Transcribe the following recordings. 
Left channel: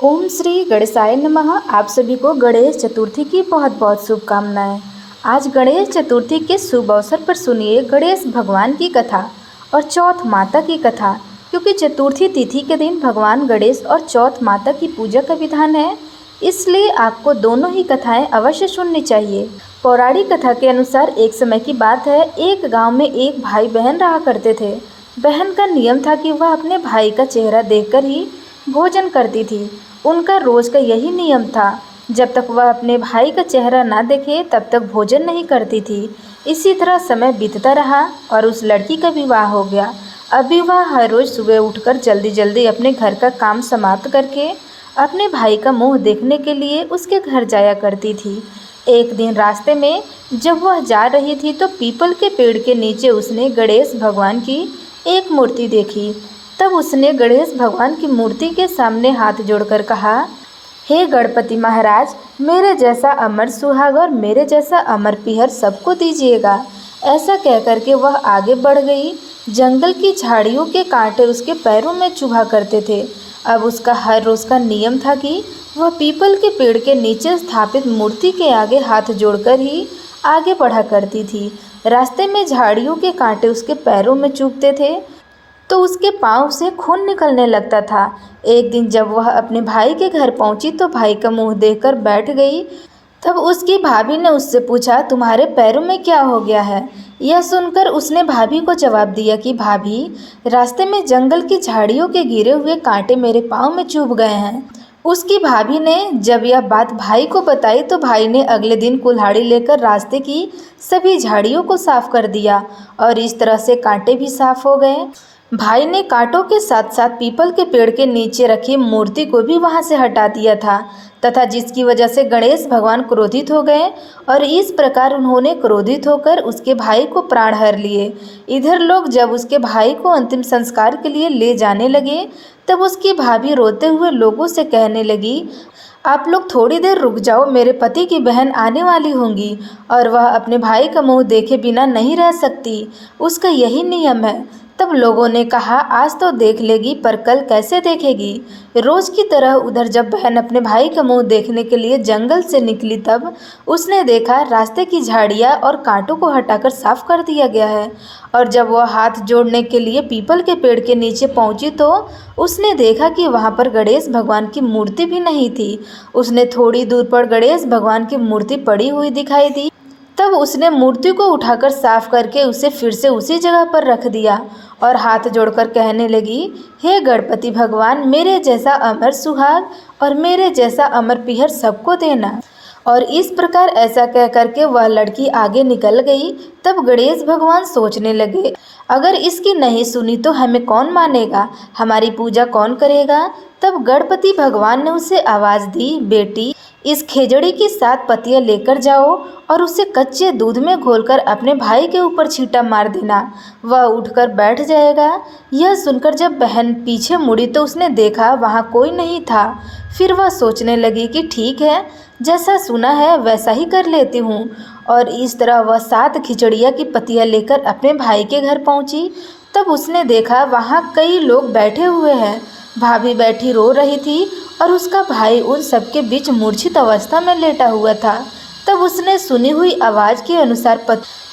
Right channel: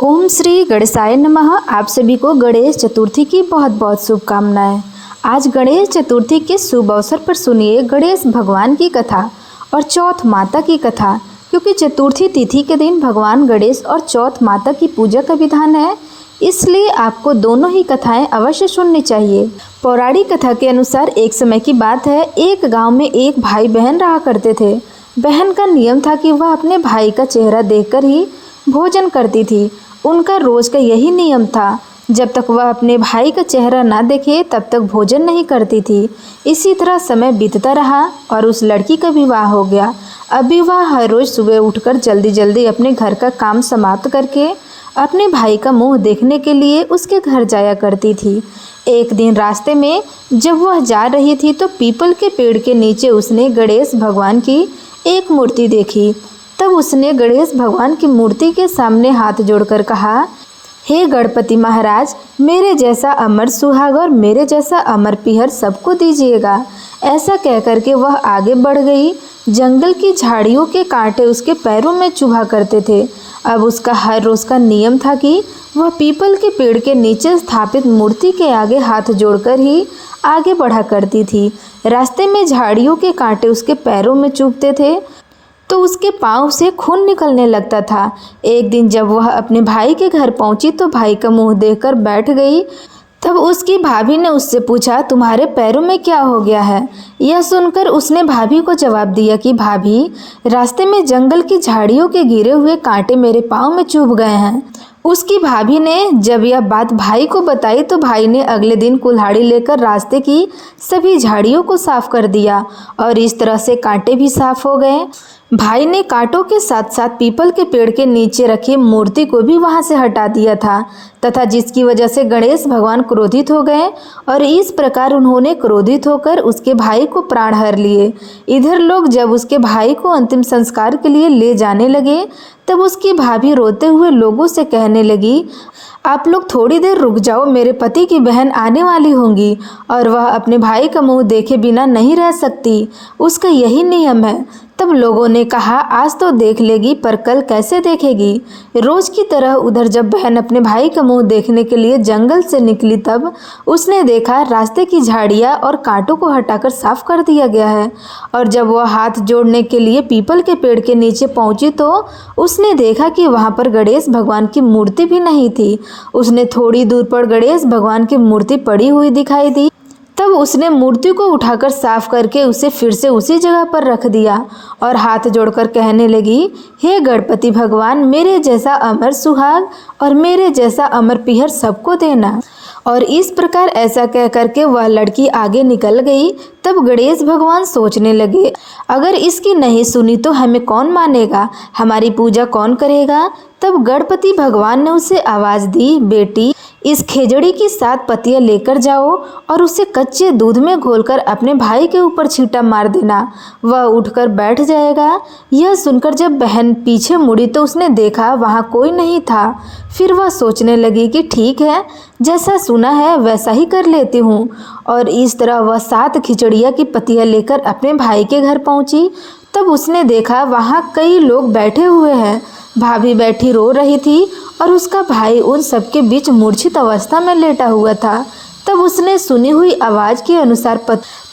ओम श्री गणेशाय नमः। आप सभी को गणेश चतुर्थी की बहुत बहुत शुभकामनाएं। आज गणेश चतुर्थी के शुभ अवसर पर सुनिए गणेश भगवान की कथा और चौथ माता की कथा, क्योंकि चतुर्थी तिथि के दिन भगवान गणेश और चौथ माता की पूजा का विधान है, इसलिए आपको दोनों ही कथाएं अवश्य सुननी चाहिए। पौराणिक कथा के अनुसार एक समय की बात है, एक गांव में एक भाई बहन रहा करते थे। बहन का नियम था कि वह अपने भाई का चेहरा देखकर ही भोजन करती थी। उनका रोज का यही नियम था, जब तक वह अपने भाई का चेहरा ना देखे तब तक भोजन नहीं करती थी। इसी तरह समय बीतता रहा और उस लड़की का विवाह हो गया। अभी वह हर रोज सुबह उठकर जल्दी जल्दी अपने घर का काम समाप्त करके अपने भाई का मुंह देखने के लिए उसके घर जाया करती थी। एक दिन रास्ते में जब वह जा रही थी तो पीपल के पेड़ के नीचे उसने गणेश भगवान की एक मूर्ति देखी। तब उसने गणेश भगवान की मूर्ति के सामने हाथ जोड़कर कहा, हे गणपति महाराज, मेरे जैसा अमर सुहाग और मेरे जैसा अमर पीहर सबको दीजिएगा। ऐसा कहकर के वह आगे बढ़ गई। जंगल की झाड़ियों के कांटे उसके पैरों में चुभा करते थे। अब उसका हर रोज का नियम था कि वह पीपल के पेड़ के नीचे स्थापित मूर्ति के आगे हाथ जोड़कर ही आगे बढ़ा करती थी। रास्ते में झाड़ियों के कांटे उसके पैरों में चुभते थे तो उसके पाँव से खून निकलने लगता था। एक दिन जब वह अपने भाई के घर पहुंची तो भाई का मुंह देखकर बैठ गई। तब उसकी भाभी ने उससे पूछा, तुम्हारे पैरों में क्या हो गया है? यह सुनकर उसने भाभी को जवाब दिया कि भाभी, रास्ते में जंगल की झाड़ियों के गिरे हुए कांटे मेरे पाँव में चुभ गए हैं। उसकी भाभी ने जब यह बात भाई को बताई तो भाई ने अगले दिन कुल्हाड़ी लेकर रास्ते की सभी झाड़ियों को साफ कर दिया और इस तरह से कांटे भी साफ हो गए। भाई ने कांटों के साथ साथ पीपल के पेड़ के नीचे रखी मूर्ति को भी वहां से हटा दिया था, तथा जिसकी वजह से गणेश भगवान क्रोधित हो गए और इस प्रकार उन्होंने क्रोधित होकर उसके भाई को प्राण हर लिए। इधर लोग जब उसके भाई को अंतिम संस्कार के लिए ले जाने लगे तब उसकी भाभी रोते हुए लोगों से कहने लगी, आप लोग थोड़ी देर रुक जाओ, मेरे पति की बहन आने वाली होंगी और वह अपने भाई का मुंह देखे बिना नहीं रह सकती, उसका यही नियम है। तब लोगों ने कहा, आज तो देख लेगी पर कल कैसे देखेगी। रोज की तरह उधर जब बहन अपने भाई का मुंह देखने के लिए जंगल से निकली तब उसने देखा रास्ते की झाड़ियाँ और कांटों को हटाकर साफ कर दिया गया है। और जब वह हाथ जोड़ने के लिए पीपल के पेड़ के नीचे पहुंची तो उसने देखा कि वहां पर गणेश भगवान की मूर्ति भी नहीं थी। उसने थोड़ी दूर पर गणेश भगवान की मूर्ति पड़ी हुई दिखाई दी। तब उसने मूर्ति को उठाकर साफ करके उसे फिर से उसी जगह पर रख दिया और हाथ जोड़कर कहने लगी, हे गणपति भगवान, मेरे जैसा अमर सुहाग और मेरे जैसा अमर पीहर सबको देना। और इस प्रकार ऐसा कह करके वह लड़की आगे निकल गई। तब गणेश भगवान सोचने लगे, अगर इसकी नहीं सुनी तो हमें कौन मानेगा, हमारी पूजा कौन करेगा। तब गणपति भगवान ने उसे आवाज दी, बेटी, इस खेजड़ी की 7 पत्तियां लेकर जाओ और उसे कच्चे दूध में घोलकर अपने भाई के ऊपर छींटा मार देना, वह उठकर बैठ जाएगा। यह सुनकर जब बहन पीछे मुड़ी तो उसने देखा वहाँ कोई नहीं था। फिर वह सोचने लगी कि ठीक है, जैसा सुना है वैसा ही कर लेती हूँ। और इस तरह वह 7 खिचड़िया की पत्तियां लेकर अपने भाई के घर पहुँची। तब उसने देखा वहाँ कई लोग बैठे हुए हैं। भाभी बैठी रो रही थी और उसका भाई उन सबके बीच मूर्छित अवस्था में लेटा हुआ था। तब उसने सुनी हुई आवाज़ के अनुसार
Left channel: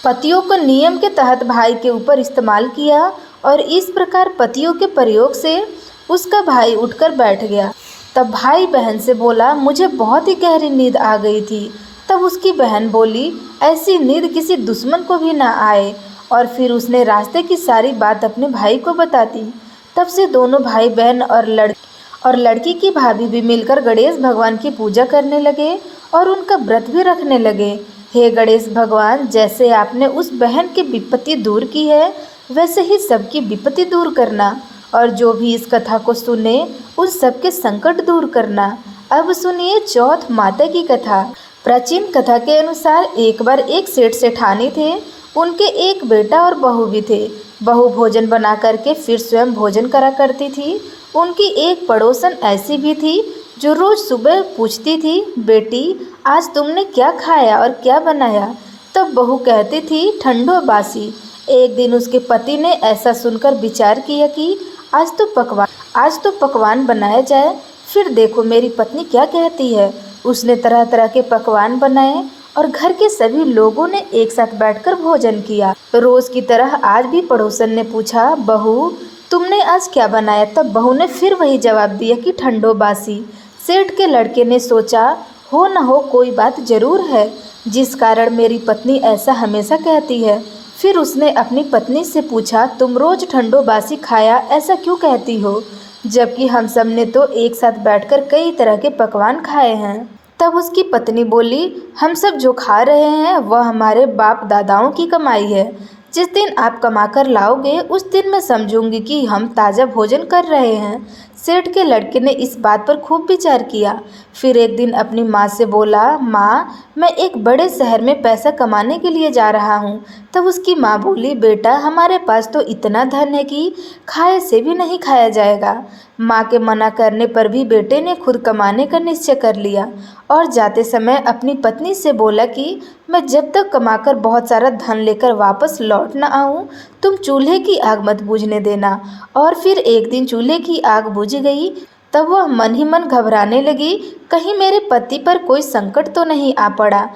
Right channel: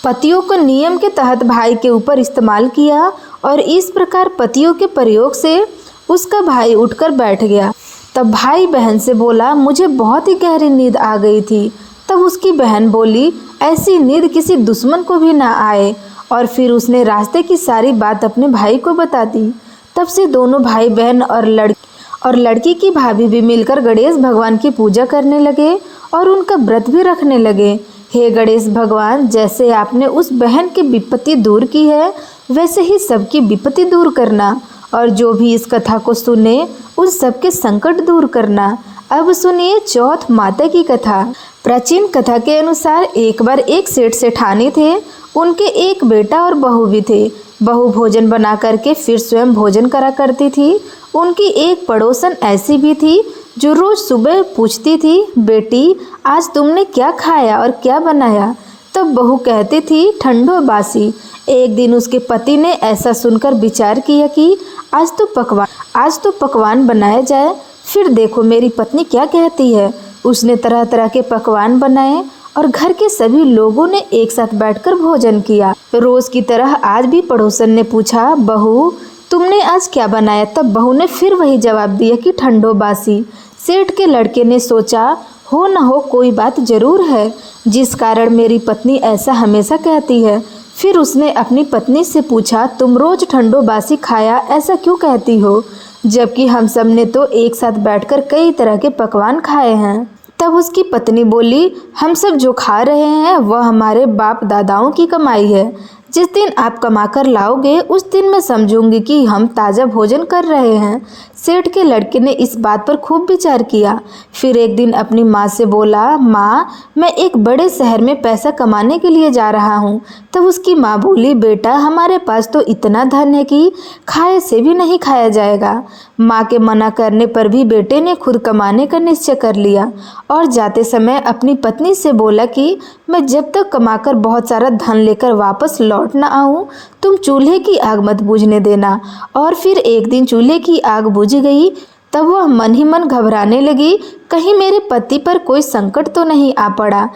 पतियों को नियम के तहत भाई के ऊपर इस्तेमाल किया और इस प्रकार पतियों के प्रयोग से उसका भाई उठकर बैठ गया। तब भाई बहन से बोला, मुझे बहुत ही गहरी नींद आ गई थी। तब उसकी बहन बोली, ऐसी नींद किसी दुश्मन को भी ना आए। और फिर उसने रास्ते की सारी बात अपने भाई को बता दी। तब से दोनों भाई बहन और लड़की की भाभी भी मिलकर गणेश भगवान की पूजा करने लगे और उनका व्रत भी रखने लगे। हे गणेश भगवान, जैसे आपने उस बहन की विपत्ति दूर की है वैसे ही सबकी विपत्ति दूर करना और जो भी इस कथा को सुने उन सबके संकट दूर करना। अब सुनिए चौथ माता की कथा। प्राचीन कथा के अनुसार एक बार एक सेठ सेठानी थे। उनके एक बेटा और बहू भी थे। बहू भोजन बना करके फिर स्वयं भोजन करा करती थी। उनकी एक पड़ोसन ऐसी भी थी जो रोज सुबह पूछती थी, बेटी, आज तुमने क्या खाया और क्या बनाया? तब बहू कहती थी, ठंडो बासी। एक दिन उसके पति ने ऐसा सुनकर विचार किया कि आज तो पकवान बनाया जाए। फिर देखो मेरी पत्नी क्या कहती है। उसने तरह तरह के पकवान बनाए और घर के सभी लोगों ने एक साथ बैठकर भोजन किया। रोज की तरह आज भी पड़ोसन ने पूछा, बहू तुमने आज क्या बनाया? तब बहू ने फिर वही जवाब दिया कि ठंडो बासी। सेठ के लड़के ने सोचा, हो न हो कोई बात जरूर है जिस कारण मेरी पत्नी ऐसा हमेशा कहती है। फिर उसने अपनी पत्नी से पूछा, तुम रोज ठंडो बासी खाया ऐसा क्यों कहती हो, जबकि हम सब ने तो एक साथ बैठकर कई तरह के पकवान खाए हैं। तब उसकी पत्नी बोली, हम सब जो खा रहे हैं वह हमारे बाप दादाओं की कमाई है। जिस दिन आप कमाकर लाओगे उस दिन मैं समझूंगी कि हम ताज़ा भोजन कर रहे हैं। सेठ के लड़के ने इस बात पर खूब विचार किया। फिर एक दिन अपनी माँ से बोला, माँ मैं एक बड़े शहर में पैसा कमाने के लिए जा रहा हूँ। तब उसकी माँ बोली, बेटा हमारे पास तो इतना धन है कि खाए से भी नहीं खाया जाएगा। माँ के मना करने पर भी बेटे ने खुद कमाने का निश्चय कर लिया और जाते समय अपनी पत्नी से बोला कि मैं जब तक कमाकर बहुत सारा धन लेकर वापस लौट न आऊँ तुम चूल्हे की आग मत बुझने देना। और फिर एक दिन चूल्हे की आग बुझ गई। तब वह मन ही मन घबराने लगी, कहीं मेरे पति पर कोई संकट तो नहीं आ पड़ा।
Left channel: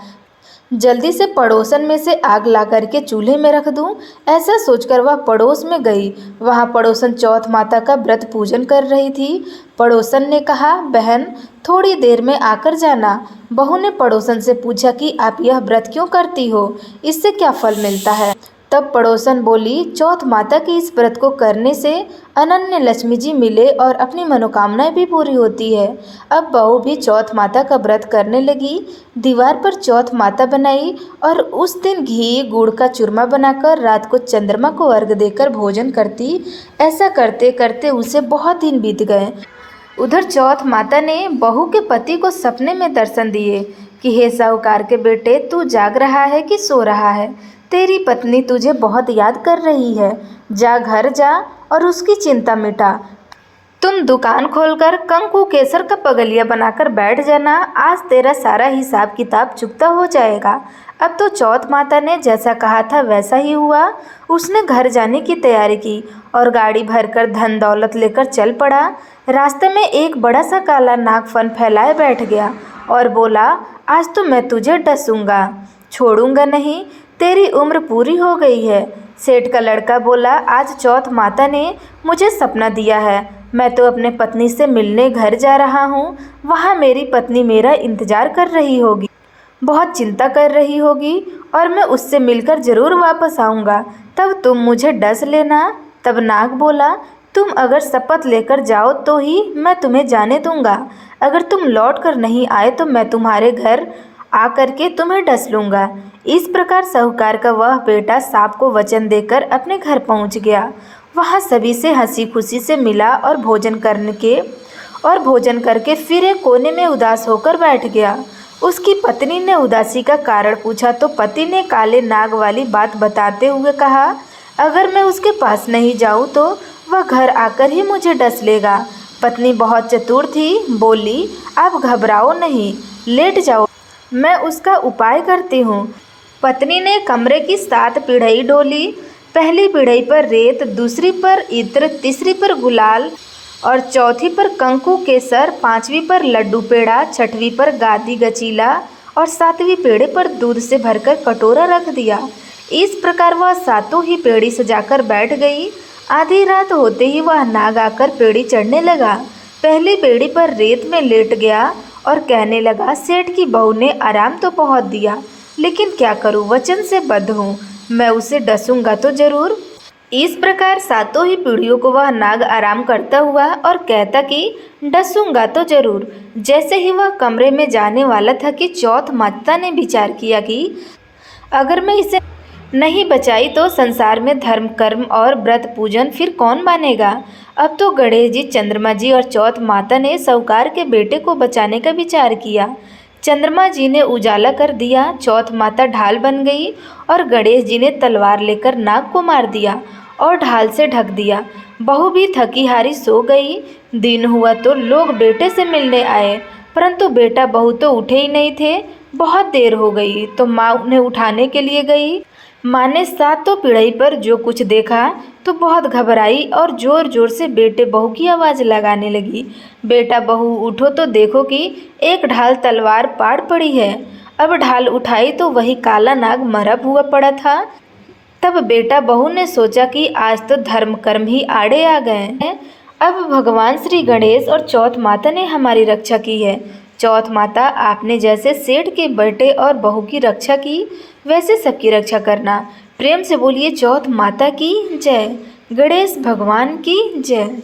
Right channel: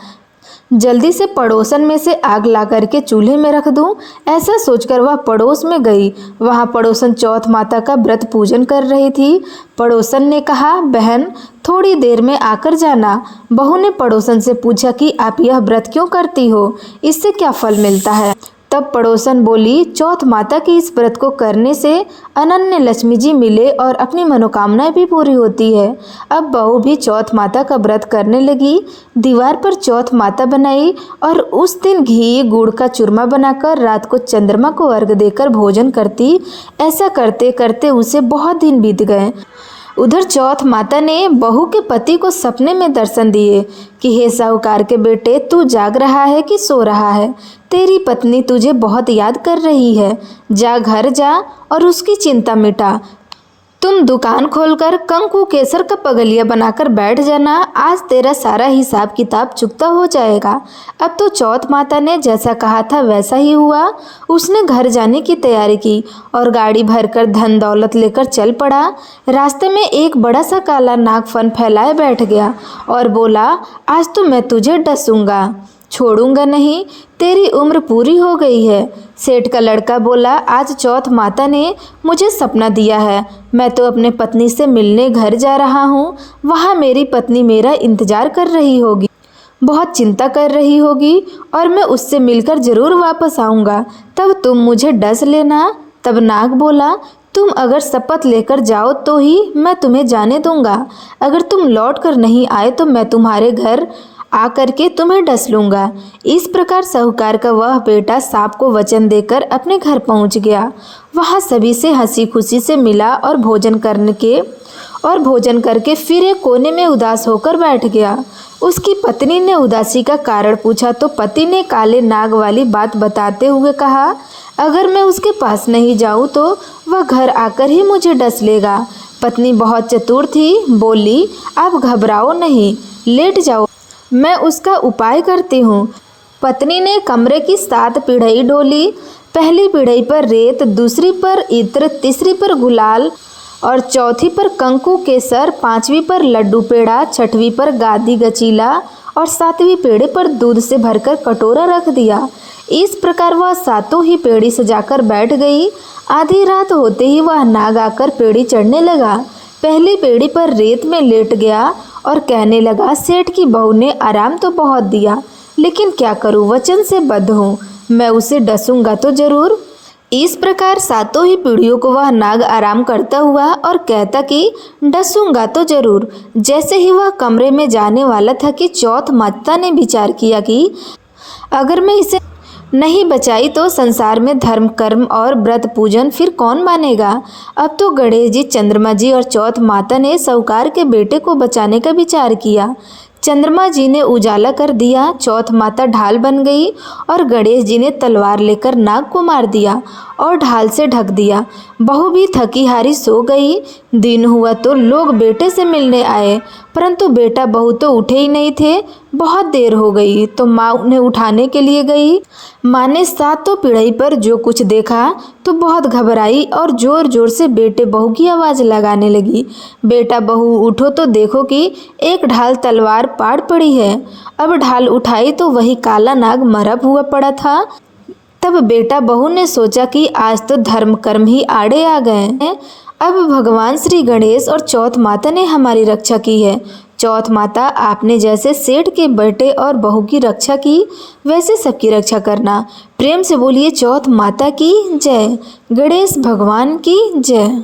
जल्दी से पड़ोसन में से आग ला करके चूल्हे में रख दूं, ऐसा सोचकर वह पड़ोस में गई। वहां पड़ोसन चौथ माता का व्रत पूजन कर रही थी। पड़ोसन ने कहा, बहन थोड़ी देर में आकर जाना। बहू ने पड़ोसन से पूछा कि आप यह व्रत क्यों करती हो, इससे क्या फल मिलता है? तब पड़ोसन बोली, चौथ माता के इस व्रत को करने से अनन्य लक्ष्मी जी मिले और अपनी मनोकामनाएं भी पूरी होती है। अब बहू भी चौथ माता का व्रत करने लगी। दीवार पर चौथ माता बनाई और उस दिन घी गुड़ का चूरमा बनाकर रात को चंद्रमा को अर्घ देकर भोजन करती। ऐसा करते करते उसे बहुत दिन बीत गए। उधर चौथ माता ने बहू के पति को सपने में दर्शन दिए कि हे साहूकार के बेटे, तू जाग रहा है कि सो रहा है? तेरी पत्नी तुझे बहुत याद कर रही है। जा घर जा और उसकी चिंता मिटा। तुम दुकान खोलकर कंकु केसर का पगलिया बनाकर बैठ जाना। आज तेरा सारा हिसाब किताब चुकता हो जाएगा। अब तो चौथ माता ने जैसा कहा था वैसा ही हुआ। उसने घर जाने की तैयारी की और गाड़ी भरकर धन दौलत लेकर चल पड़ा। रास्ते में एक बड़ा सा काला नाग फन फैलाए बैठ गया और बोला, आज तो मैं तुझे डसूंगा, छोड़ूंगा नहीं, तेरी उम्र पूरी हो गई है। सेठ का लड़का बोला, आज चौथ माता ने मुझे सपना दिया है। मैं तो अपने पत्नी से मिलने घर जा रहा हूँ। वहाँ मेरी पत्नी मेरा इंतजार कर रही होगी, बहुत चिंता कर रही होगी और मैं उससे मिलकर जरूर वापस आऊँगा। तब तुम मुझे डस लेना। तब नाग बोला, तुम अगर शपथ लेकर जाओ तो ही मैं तुम्हें जाने दूंगा। अगर तुम लौट कर नहीं आए तो मैं तुम्हारे घर आकर के तुम्हें डस लूंगा। इस प्रकार साहूकार का वह बेटा सांप को वचन देकर अपने घर पहुंच गया। वहां सभी से हंसी खुशी से मिला और भोजन करके फिर एक कोने में उदास होकर बैठ गया। उसकी पत्नी ने उदासी का कारण पूछा तो पति ने काले नाग वाली बात बताते हुए कहा, अगर मैं उसके पास नहीं जाऊं तो वह घर आकर ही मुझे डस लेगा। पत्नी बहुत चतुर थी, बोली, आप घबराओ नहीं, लेट जाओ, मैं उसका उपाय करती हूँ। पत्नी ने कमरे की 7 पीढ़ई डोली। पहली पीढ़ई पर रेत, दूसरी पर इत्र, तीसरी पर गुलाल और चौथी पर कंकु केसर, 5वीं पर लड्डू पेड़ा, 6वीं पर गादी गचीला और 7वीं पेड़े पर दूध से भरकर कटोरा रख दिया। इस प्रकार वह 7 ही पेड़ी सजाकर बैठ गई। आधी रात होते ही वह नाग आकर पेड़ी चढ़ने लगा। पहली पेड़ी पर रेत में लेट गया और कहने लगा, सेठ की बहू ने आराम तो बहुत दिया, लेकिन क्या करूं, वचन से बद्ध हूँ, मैं उसे डसूंगा तो जरूर। इस प्रकार 7 ही पीढ़ियों को वह नाग आराम करता हुआ और कहता कि डसूंगा तो जरूर। जैसे ही वह कमरे में जाने वाला था कि चौथ माता ने विचार किया कि अगर मैं इसे नहीं बचाई तो संसार में धर्म कर्म और व्रत पूजन फिर कौन मानेगा। अब तो गणेश जी, चंद्रमा जी और चौथ माता ने साहूकार के बेटे को बचाने का विचार किया। चंद्रमा जी ने उजाला कर दिया, चौथ माता ढाल बन गई और गणेश जी ने तलवार लेकर नाग को मार दिया और ढाल से ढक दिया। बहू भी थकी हारी सो गई। दिन हुआ तो लोग बेटे से मिलने आए, परंतु बेटा बहू तो उठे ही नहीं थे। बहुत देर हो गई तो माँ उन्हें उठाने के लिए गई। माँ ने सातों पीढ़ी पर जो कुछ देखा तो बहुत घबराई और जोर जोर से बेटे बहू की आवाज़ लगाने लगी। बेटा बहू उठो तो देखो कि एक ढाल तलवार पाड़ पड़ी है। अब ढाल उठाई तो वही काला नाग मरा हुआ पड़ा था। तब बेटा बहू ने सोचा कि आज तो धर्म कर्म ही आड़े आ गए हैं। अब भगवान श्री गणेश और चौथ माता ने हमारी रक्षा की है। चौथ माता, आपने जैसे सेठ के बेटे और बहू की रक्षा की, वैसे सबकी रक्षा करना। प्रेम से बोलिए चौथ माता की जय, गणेश भगवान की जय।